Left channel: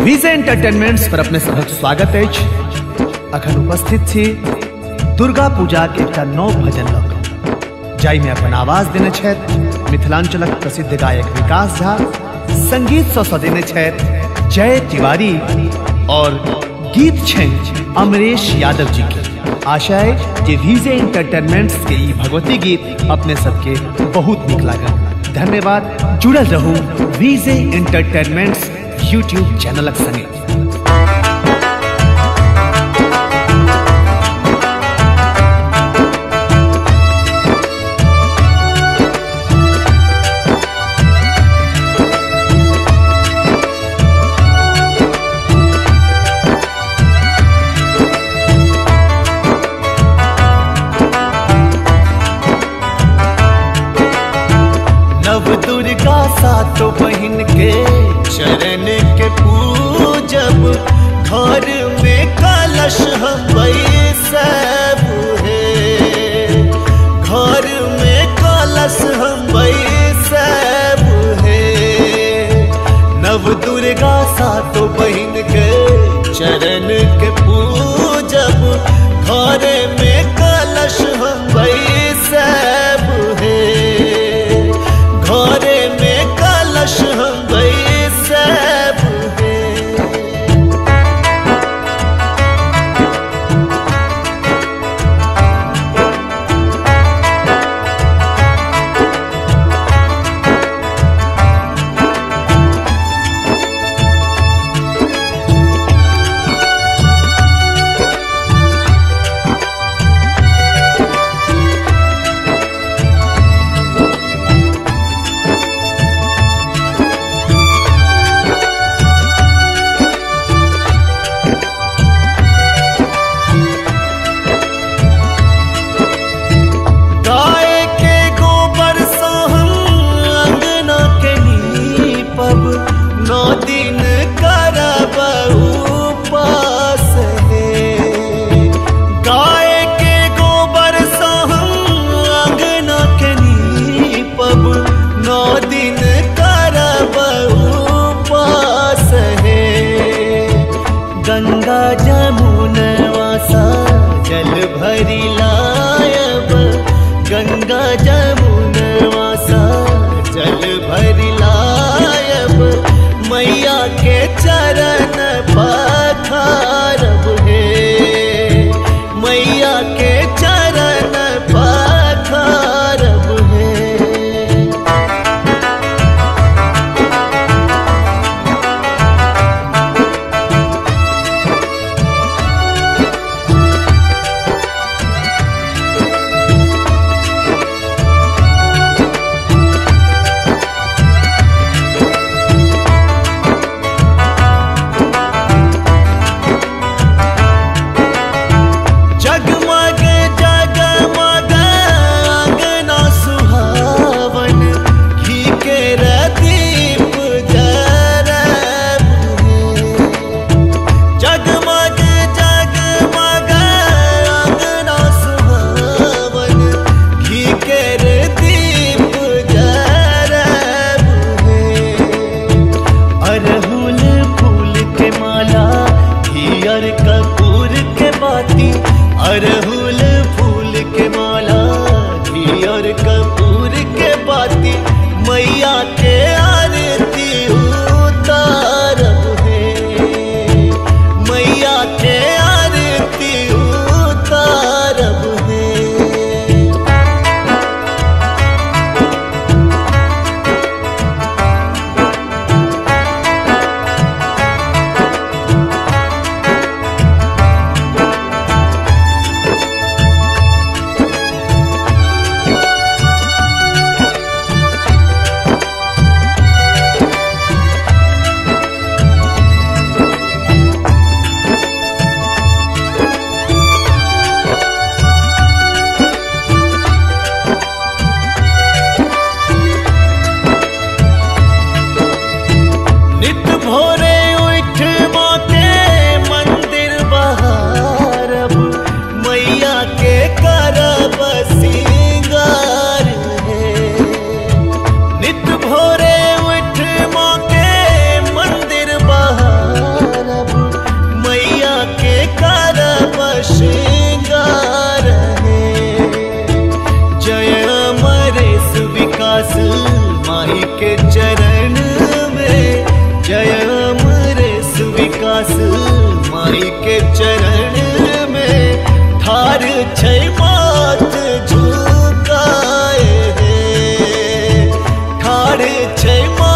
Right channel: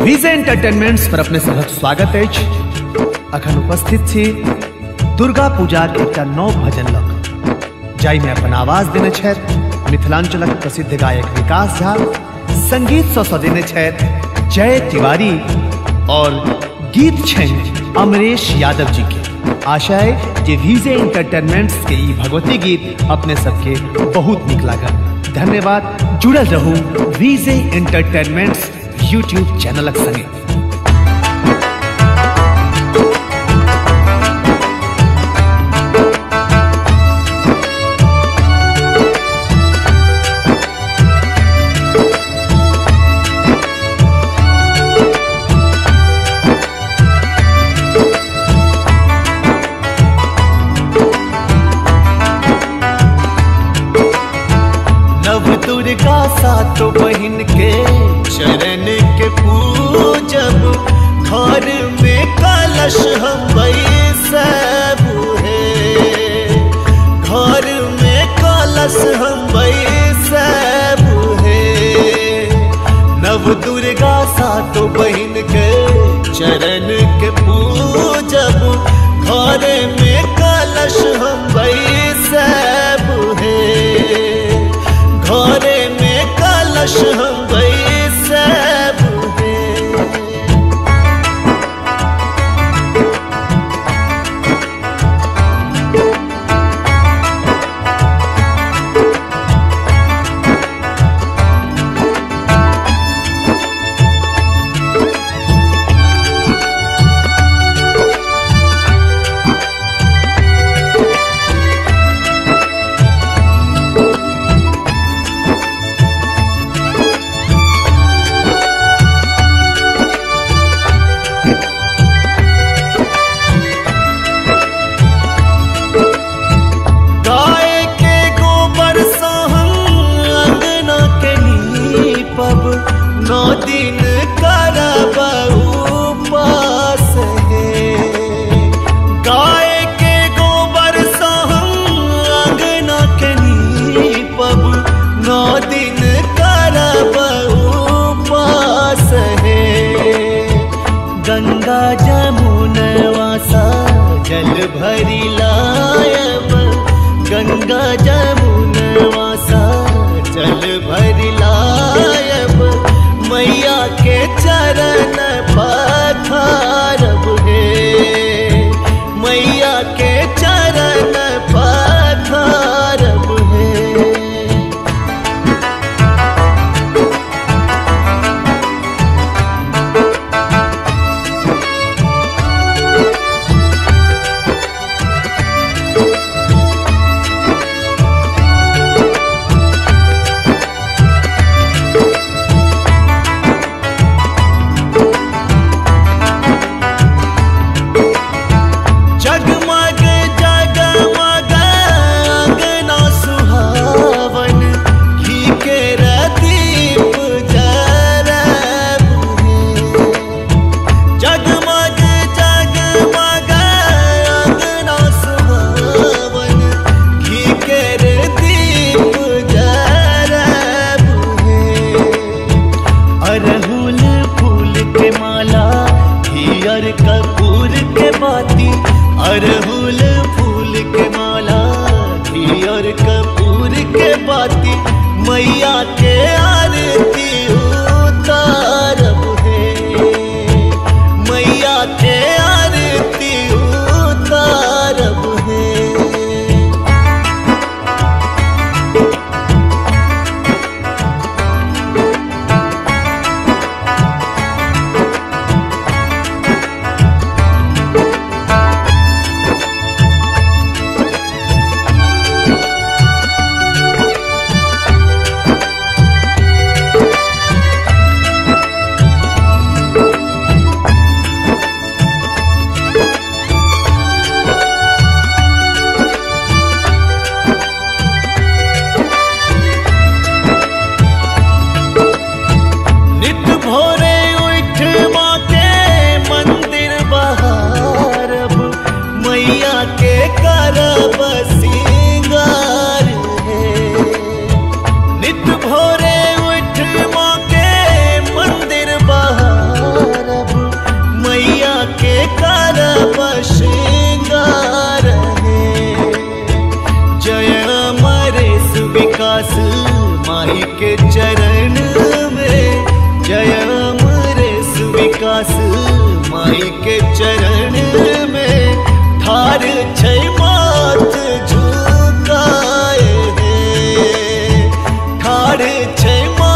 विजय entertainments पर अपने सबक स्वागत अछि। अखन उपस्थित छी दुर्गा पूजा के एकटा नव भजन लऽ कऽ, जाहि में अपन आवाज देने छथि मिथिलांचलक प्रसिद्ध गायक विकास झा, संगीत सँ सजेने छथि जय तिवारी और गीत छनि अमरेश यादव जी के। आशा है कि विजय एंटरटेनमेंट्स के ई भगवती गीत अपने सबके बहुत नीक लागत। धन्यवाद। जुड़ल रहू विजय एंटरटेनमेंट्स यूट्यूब चैनलक संगे। नव दुर्गा सातों बहिन के चरण के पूजब, घर में कलश हम बैसब है, घर में कलश हम बैसब है। नव दुर्गा सातों बहिन के चरण के पूजब, घर में कलश हम बैसब है, घरे में कलश हम बैसब है। नौ दिन करब उपास है, गाय के गोबर से हम अंगना के नीपब, 9 दिन करब उपास है। गंगा जमुनवा सा जल भरी लायब, गंगा जमुनवा सा जल भरी लायब, मैया के चरण पखारब है, मैया के चरण पखारब है। जगमग जगमग अंगना सुहावन, घी के दीप जरब है। जगमग जगमग अंगना सुहावन, घी के दीप जरब है। अरहुल फूल के माला, घी और कपूर के बाती, अरहुल फूल के माला, घी और कपूर के बाती, मैया के आरती उतारब है, मैया के आरती उतारब है। नित भोरे उठ माँ के मंदिर बहारब, मैया के करब सिंगार है। नित भोरे उठ माँ के माई के चरण में। जय अमरेश विकास माई के चरण में। ठार छै माथ झुकाए, ठार छै माथ